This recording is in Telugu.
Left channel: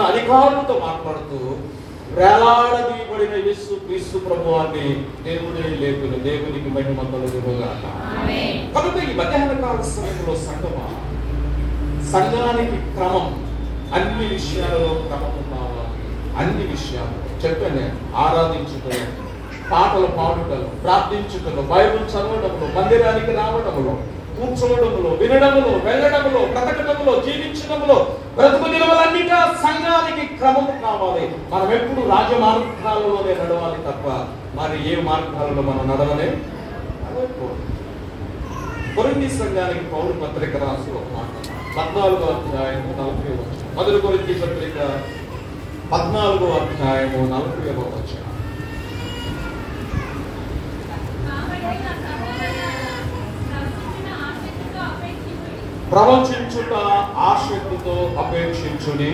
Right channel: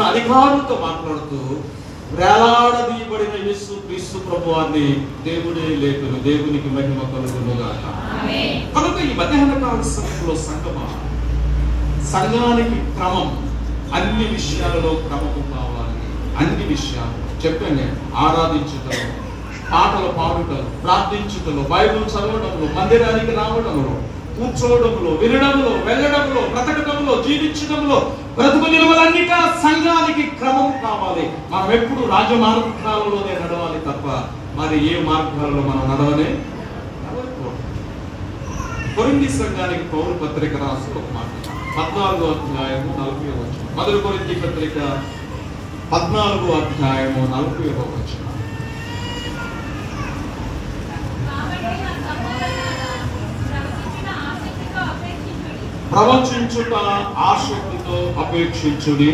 అధికారులతో మాట్లాడుతూ వేలాడదీయబడిన యేసు క్రీస్తు ప్రభువాన్ని దేవుడే లేపును, దేవునికి మహిమ కలుగునుగాక. కనుక ఈ మధ్యాహ్న కాల సమయంలో సంఘానికి క్రమం, అన్ని విషయాలలో క్రమము కావాలి. అన్ని విషయాలు చెప్పాను. ఆరాధించుటలో, పాటలు పాడుటలో, ప్రార్థించుటలో, బైబిల్ చదవడంలో, మందిరానికి రావడంలో, కూర్చోవడంలో, వినడంలో, వెళ్ళడంలో, బ్రతకడంలో, జీవించడంలో, బ్రతుకు నిలవలన్నిగా సంఘానికి క్రమం కావాలి. మనం ఎప్పుడు రాజమార్గాలలోనే నడవాలి తప్ప మరి ఏ మార్గాలలో మనం నడవనే నడవకూడదు. కొరింథీ సంఘానికి పౌలు పత్రిక రాసి ఒక మాట, 14వ అధ్యాయం 40వ వచనం. మొదటి కొరింథీ పత్రిక 14వ అధ్యాయం 40వ వచనం. ప్రవచించుట ఆసక్తితో అపేక్షించుడి,